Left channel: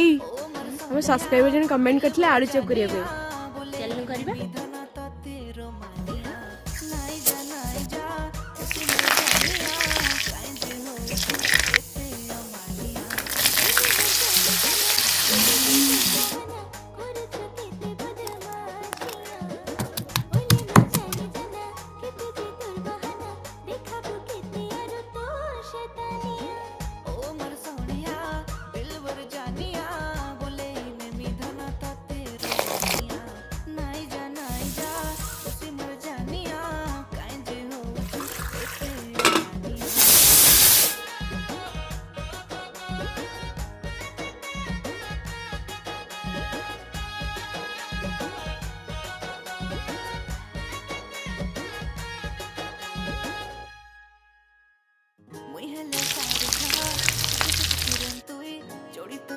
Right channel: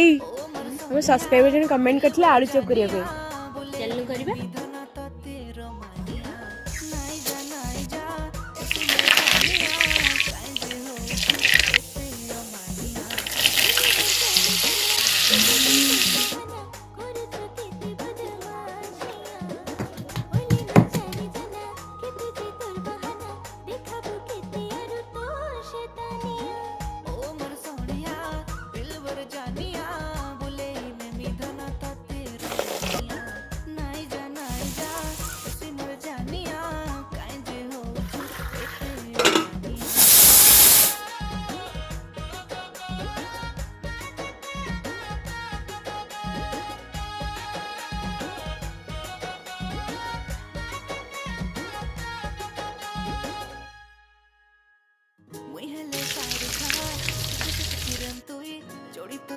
ଏଇ ଆମ ସବସ୍କ୍ରାଇबर ଜଣେ କମେଣ୍ଟ କରିଥିଲେ ଆଳୁ ଚପ୍ କରିବା ପାଇଁ, ଚାଲୁନ କରିବା।